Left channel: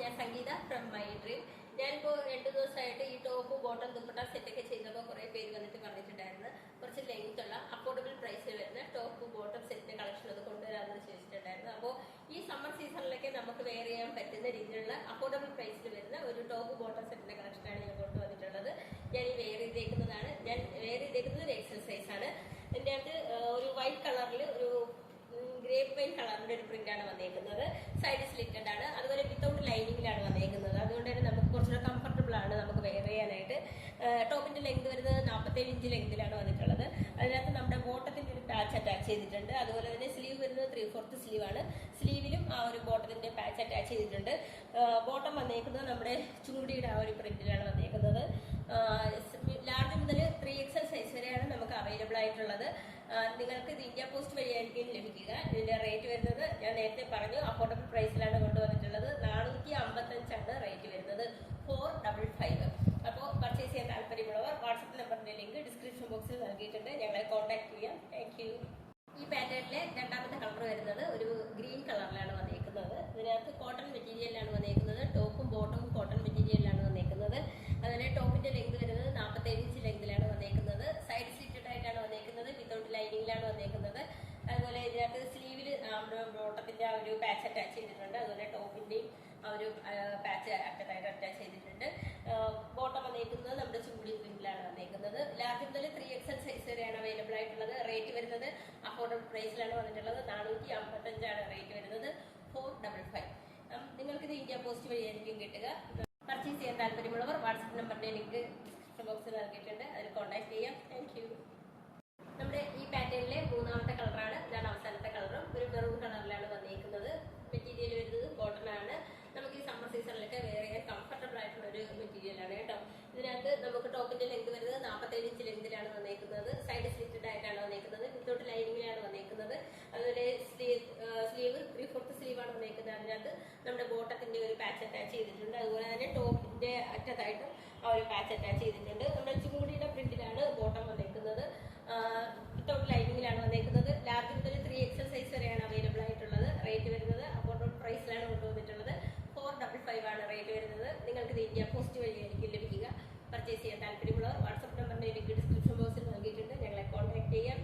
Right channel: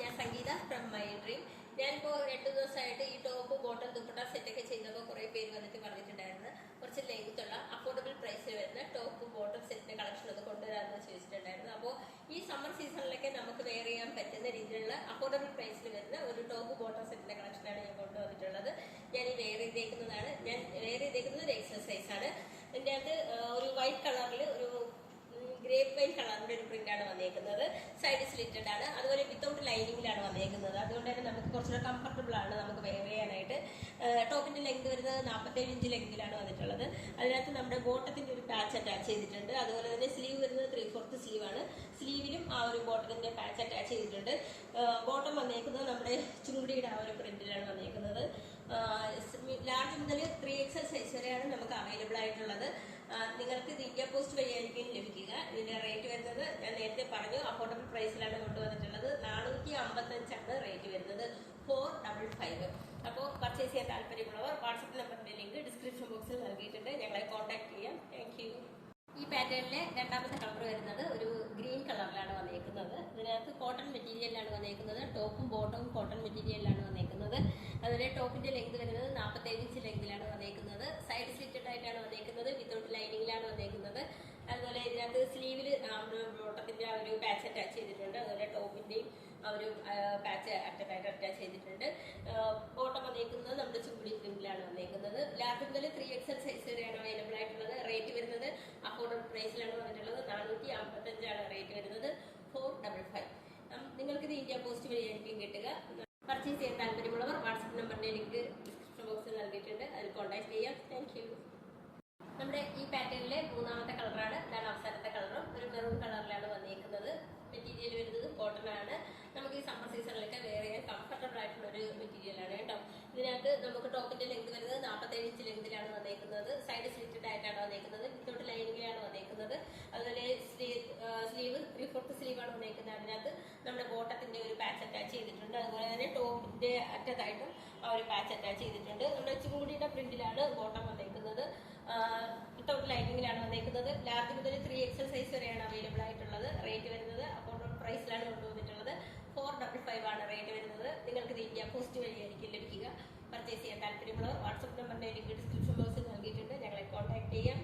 ഞാൻ സംഗീത from my dream. ഞാനിപ്പോൾ 2 ദിവസമായിട്ട് ഈ ടോപ്പ് ബോട്ടം ദുപ്പട്ട സെറ്റൊക്കെ ചെയ്തപ്പോൾ കുറേ പേര് വന്നിട്ട് പറഞ്ഞിട്ടുണ്ടായിരുന്നു കുറച്ച് ലെങ്ത് ഉള്ള അഫോർഡബിൾ പ്രൈസിൽ വരുന്ന ടോപ്പ് ബോട്ടം സെറ്റിന്റെ കളക്ഷൻ അത് കൊണ്ടുവരാമെന്ന് ചോദിച്ചിട്ടുണ്ടായിരുന്നു. അപ്പോൾ ഈ സമ്മർ സീസണിലൊക്കെ നമുക്ക് വെയർ ചെയ്യാൻ പറ്റുന്ന രീതിയിലുള്ള അഫോർഡബിൾ പ്രൈസിൽ വരുന്ന ഒരു ടോപ്പ് ബോട്ടം സെറ്റിന്റെ കളക്ഷനാണ് ഞാൻ കൊണ്ടുവന്നിട്ടുള്ളത്. ഞാൻ ഈ വെയർ ചെയ്തേക്കുന്നത് ഒരു എക്സസൈസ് ആണ്. ഇതിൻ്റെ അകത്ത് ഒരു വൈറ്റ് കളറിൽ ഒരു ഗ്രേപ്പ് വൈൻ കളറിന്റെ ഒരു പ്രിന്റ് ആണ് വന്നേക്കുന്നത്. സൈഡ് സ്ലിറ്റഡ് ആണ്, അതുപോലെ വിത്തൗട്ട് ലൈനിങ്ങിലാണ് വന്നേക്കുന്നത്. അതുകൊണ്ട് തന്നെ നമുക്ക് കുറച്ചുകൂടെ കംഫർട്ടബിൾ ആണ് നമുക്ക് വെയർ ചെയ്യാനായിട്ട്. ടോപ്പിന്റെ ലെങ്ത് വരുന്നത് 47 ഇഞ്ച് ലെങ്തിലാണ് വന്നിട്ടുള്ളത്. അതിനകത്ത് നമ്മുടെ ബോട്ടത്തിന്റെ ഒരു പാച്ച് അറ്റാച്ച് ചെയ്തിട്ടുണ്ട്. അതുപോലെ തന്നെ സ്ലീവ് വരുന്നത് 3/4 സ്ലീവ് ആണ്. സ്ലീവിലും ആ ഒരു ബോട്ടത്തിന്റെ പാച്ച് അറ്റാച്ച് ചെയ്തിട്ടുണ്ട്. ബോട്ടം വന്നേക്കുന്നത് നമ്മുടെ ചുങ്കുടിയുടെ ആ ഒരു പ്രിന്റിലാണ് വന്നേക്കുന്നത്. ലാർജ് മുതൽ 3XL സൈസ് വരെയാണ് നമുക്ക് അവൈലബിൾ ആയിട്ടുള്ളത്. നിങ്ങൾക്ക് ഇത് ഇന്ത്യ പോസ്റ്റ് വഴിയായിരിക്കും ലഭിക്കുക. ഇതിന്റെ റേറ്റ് വരുന്നത് ഞാൻ നേരത്തെ പറഞ്ഞു, അഫോർഡബിൾ പ്രൈസിലാണ് കൊണ്ടുവന്നിട്ടുള്ളത്. 455 റേറ്റ് വരുന്നത്, 455. അപ്പോൾ പർച്ചേസ് ചെയ്യാൻ താല്പര്യമുള്ളവർ വാട്സപ്പ് നമ്പറിന്റെ ലിങ്ക് ഡിസ്ക്രിപ്ഷൻ ബോക്സിൽ നൽകിയിട്ടുണ്ട്, ഞങ്ങളെ കോൺടാക്ട് ചെയ്യാം. Thank you. ഈ പാറ്റേണിലെ രണ്ടാമത്തെ കളർ വരുന്നത് ഒരു ഗ്രീൻ കളറിലാണ് വന്നേക്കുന്നത്. ഇതിനകത്ത് കോട്ടൺ മെറ്റീരിയലാണ് വന്നേക്കുന്നത്. ടോപ്പും ബോട്ടവും കോട്ടൺ മെറ്റീരിയലാണ് വന്നേക്കുന്നത്. അതുപോലെ ടോപ്പിന്റെ ലെങ്ത് വരുന്നത് 47 ഇഞ്ച് ലെങ്തിലാണ് വന്നേക്കുന്നത്. സൈഡ് സ്ലിറ്റഡ് ആയിട്ടാണ് വന്നേക്കുന്നത്, വിത്തൗട്ട് ലൈനിങ്ങിലാണ് വന്നേക്കുന്നത്. അതുപോലെ ഇതിനകത്ത് സ്ലീവിൽ ബോട്ടത്തിന്റെ ആ ഒരു പാച്ച് അറ്റാച്ച് ചെയ്തിട്ടുണ്ട്. അതുപോലെ ടോപ്പിന്റെയും ആ ഒരു പാച്ച് അറ്റാച്ച് ചെയ്തിട്ടുണ്ട്. ബോട്ടം വന്നേക്കുന്നത് നമ്മുടെ ചുങ്കുടി പ്രിന്റിലാണ് വന്നേക്കുന്നത്. ലാർജ് മുതൽ 3XL സൈസ് വരെയാണ് അവൈലബിൾ ആയിട്ടുള്ളത്. റേറ്റ് വരുന്നത് അഫോർഡബിൾ പ്രൈസിലാണ് വന്നിട്ടുള്ളത്. 455 റേറ്റ് വരുന്നത്, 455. നിങ്ങൾക്ക് ഇത് ഇന്ത്യ പോസ്റ്റ് വഴിയായിരിക്കും കിട്ടുക. പർച്ചേസ് ചെയ്യാൻ താല്പര്യമുള്ളവർ വാട്സപ്പ് നമ്പറിന്റെ ലിങ്ക് ഡിസ്ക്രിപ്ഷൻ ബോക്സിൽ നൽകിയിട്ടുണ്ട്, അതിൽ കോൺടാക്ട് ചെയ്യാം. Thank you. നമ്മുടെ ഈ പാറ്റേണിലെ മൂന്നാമത്തെ കളറാണ്. ഇതാണ് അവസാനത്തെ കളറും. ഒരു മെറൂൺ കളറിലാണ് വന്നേക്കുന്നത്. മെറ്റീരിയൽ വരുന്നത് കോട്ടൺ ആണ്. നമുക്ക് ഈ സമ്മർ സീസണിലൊക്കെ വെയർ ചെയ്യാൻ കംഫർട്ടബിൾ ആയിട്ടുള്ള ഒരു മെറ്റീരിയൽ ആണ് കേട്ടോ. ഇതിനകത്ത് നമുക്ക് ടോപ്പിന്റെ ലെങ്ത് വരുന്നത് 47 ഇഞ്ച് ലെങ്തിലാണ് വന്നേക്കുന്നത്. സൈഡ് സ്ലിറ്റഡ് ആയിട്ടാണ് വന്നേക്കുന്നത്, വിത്തൗട്ട് ലൈനിങ്ങിലാണ് വന്നേക്കുന്നത്. അതുപോലെ സ്ലീവ് 3/4 സ്ലീവ് ആണ് വന്നേക്കുന്നത്. അതിനകത്ത് നമ്മുടെ ബോട്ടത്തിന്റെ ഒരു പാച്ച് അറ്റാച്ച് ചെയ്തിട്ടുണ്ട്. അതുപോലെ തന്നെ ടോപ്പിന്റെ അറ്റത്തായിട്ടും ആ ഒരു പാച്ച് അറ്റാച്ച് ചെയ്തിട്ടുണ്ട്. നമ്മുടെ ചുങ്കുടിയുടെ പ്രിന്റിലാണ് ബോട്ടം വന്നേക്കുന്നത്. വിത്തൗട്ട് ലൈനിങ്ങിലാണ് വന്നേക്കുന്നത്. ലാർജ് മുതൽ 3XL സൈസ് വരെയാണ് അവൈലബിൾ ആയിട്ടുള്ളത്. റേറ്റ് വരുന്നത് അഫോർഡബിൾ പ്രൈസിലാണ് കൊണ്ടുവന്നിട്ടുള്ളത്. 455 റേറ്റ് വരുന്നത്. നിങ്ങൾക്ക് ഇത് ഇന്ത്യ പോസ്റ്റ് വഴിയായിരിക്കും ലഭിക്കുക. പർച്ചേസ് ചെയ്യാൻ താല്പര്യമുള്ളവർ വാട്സപ്പ് നമ്പറിന്റെ ലിങ്ക് ഡിസ്ക്രിപ്ഷൻ ബോക്സിൽ നൽകിയിട്ടുണ്ട്, ഞങ്ങളെ കോൺടാക്ട് ചെയ്യാം.